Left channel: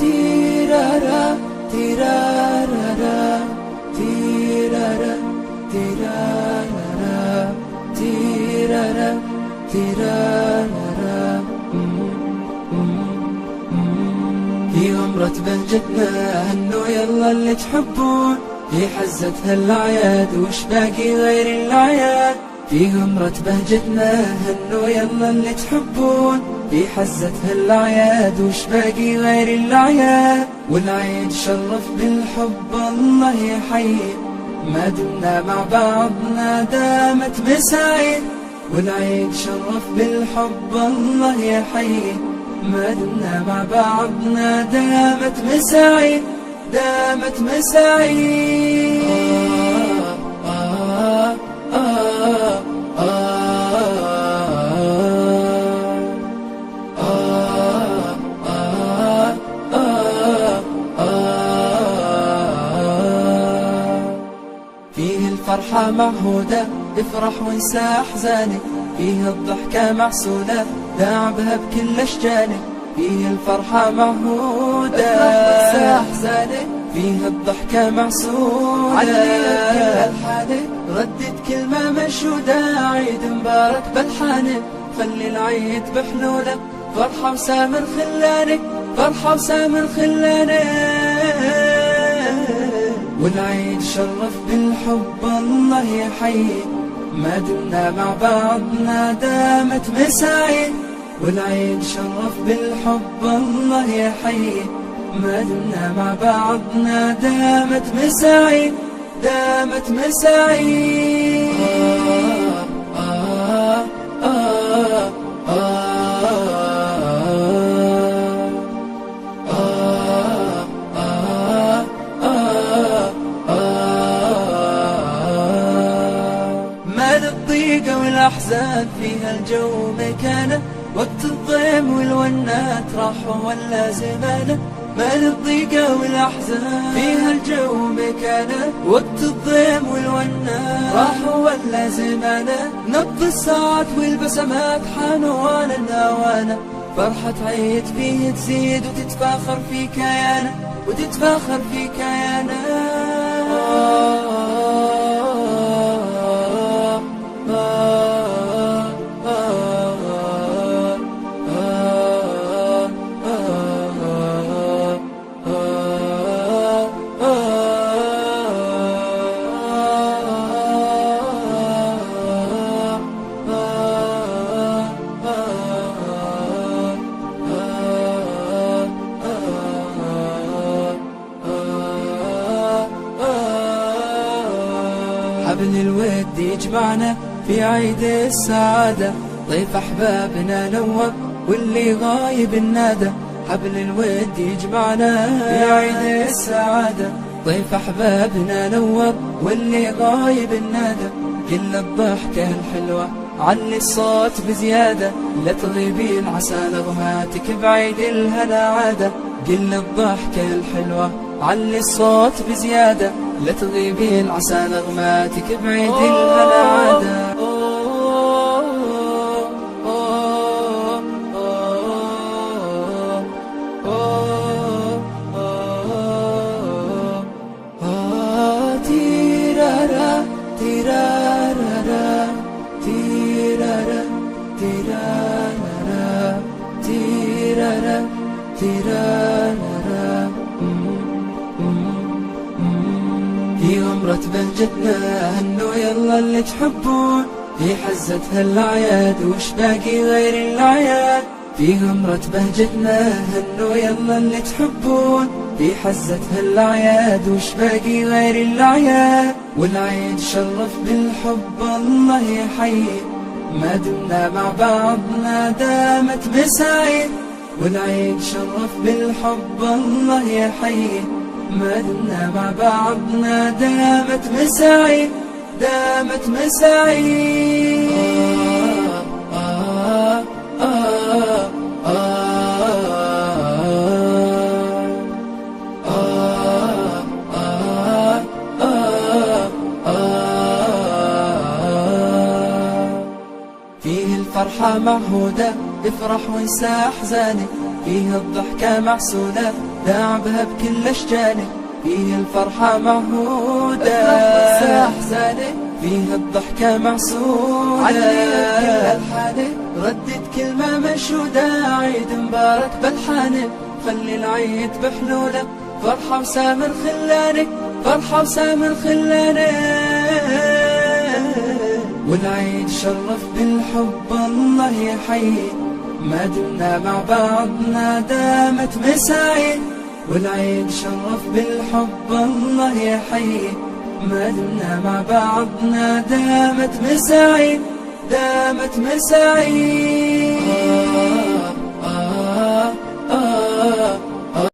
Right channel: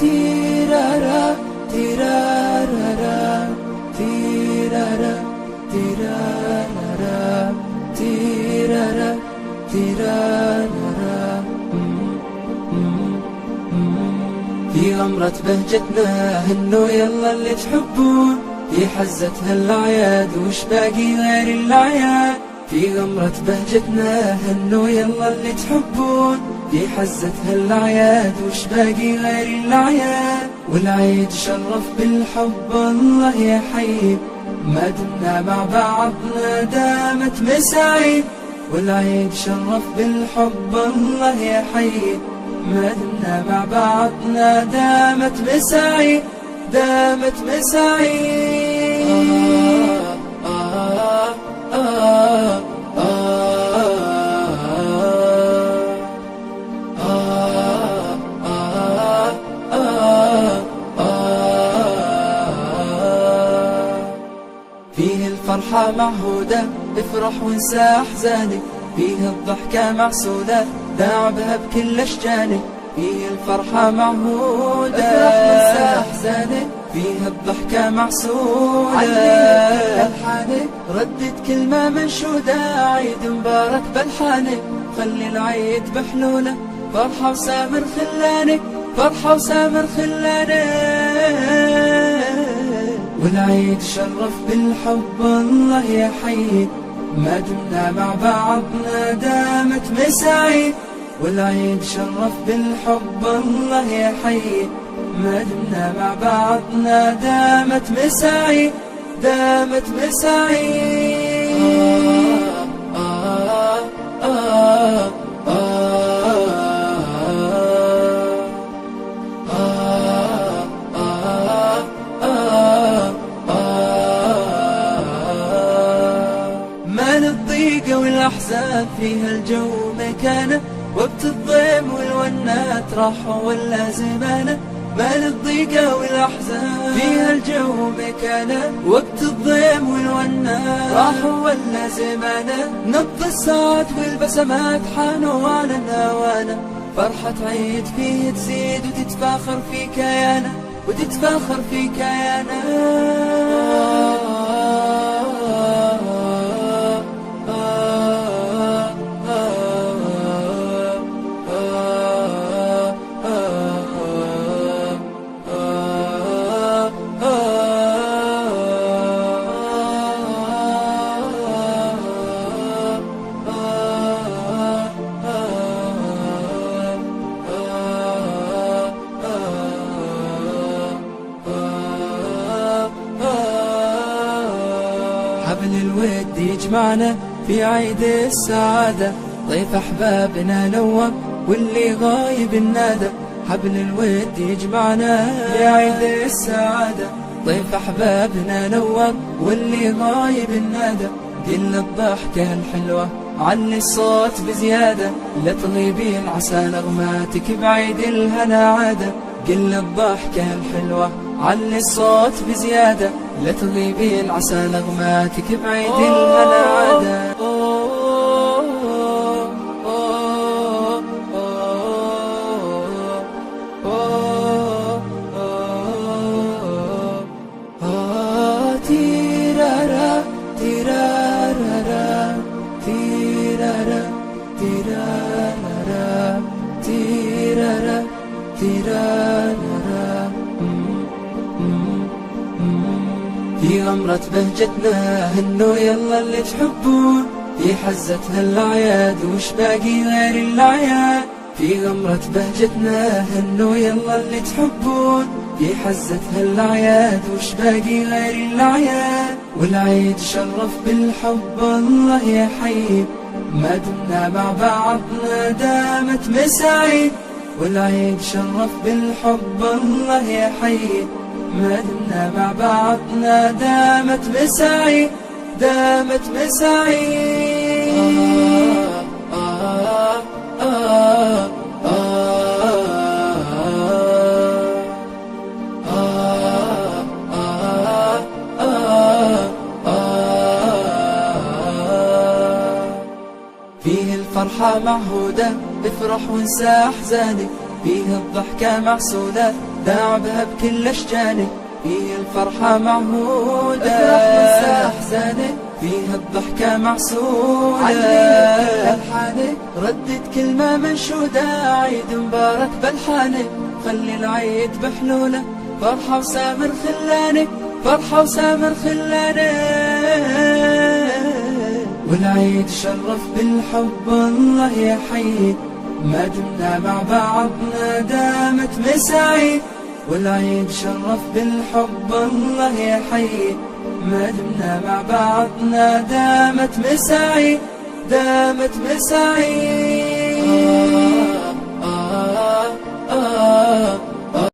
تيرارا تيرارا تيرارا تيرارا تيرارا تيرارا. في غمرة بهجتنا هنو يلا اللي تحبون، في حزتنا الأعياد وش باقي غير الأعياد. في غمرة بهجتنا هنو يلا اللي تحبون، في حزتها الأعياد وش باقي غير الأعياد. والعيد شرف بالحب الله يحيي، ما دمنا مع بعضنا دامت مساعي. والعيد شرف بالحب الله يحيي، ما دمنا مع بعضنا دامت مساعي دامت مساعي. فيه الفرحة معهودة، افرح وانسى أحزانك. فيه الضحكة معسولة، داعبها بكل أشجانك. فيه الفرحة معهودة، افرح وانسى أحزانك. فيه الضحكة معسولة، علي ألحانك. ردد كلمة منشودة، عيد مبارك بلحانك. خلي العيد بحلولة، فرحة وسامر خلانك، فرحة وسامر خلانك. والعيد شرف بالحب الله يحيي، ما دمنا مع بعضنا دامت مساعي. والعيد شرف بالحب الله يحيي، ما دمنا مع بعضنا دامت مساعي دامت مساعي. مال الضيق والأحزان فيها الجو مكانه، وقت الضيم والونات راحوا ولا زمانه. مال الضيق والأحزان فيها الجو مكانه، وقت الضيم والونات راحوا ولا زمانه. نبض الساعات والبسمات حانوا على النوانه، فرحة عيد فيه تزيد وتتفاخر في كيانه وتتفاخر في كيانه. حبل الود يجمعنا في عيد السعادة، ضيف أحبابنا نوب واللي غايب النادى. حبل الود يجمعنا في عيد السعادة، ضيف أحبابنا نوب واللي غايب النادى. قل الضحكة الحلوة، علي الصوت بزيادة، لا تغيبين عسى نغماتك بعيد الهنا عادة. قل الضحكة الحلوة، علي الصوت بزيادة، لا تغيبين عسى نغماتك بعيد الهنا عادة. تيرارا تيرارا تيرارا تيرارا تيرارا تيرارا. في غمرة بهجتنا هنو يلا اللي تحبون، في حزتها الأعياد وش باقي غير الأعياد. في غمرة بهجتنا هنو يلا اللي تحبون، في حزتها الأعياد وش باقي غير الأعياد. والعيد شرف بالحب الله يحيي، ما دمنا مع بعضنا دامت مساعي. والعيد شرف بالحب الله يحيي، ما دمنا مع بعضنا دامت مساعي دامت مساعي. الفرحة معهودة، افرح وانسى أحزانك، فيه الضحكة معسولة، داعبها بكل أشجانك. فيه الفرحة معهودة، افرح وانسى أحزانك، فيه الضحكة معسولة، علي بكل ألحانك، ردد كلمة منشودة، عيد مبارك بلحانك، خلي العيد بحلوله، فرحة وسامر خلانك، فرحة وسامر خلانك. والعيد شرف بالحب الله يحيي، ما دمنا مع بعضنا دامت مساعيد. والعيد شرف بالحب الله يحيي، ما دمنا مع بعضنا دامت مساعيد، دامت مساعيد.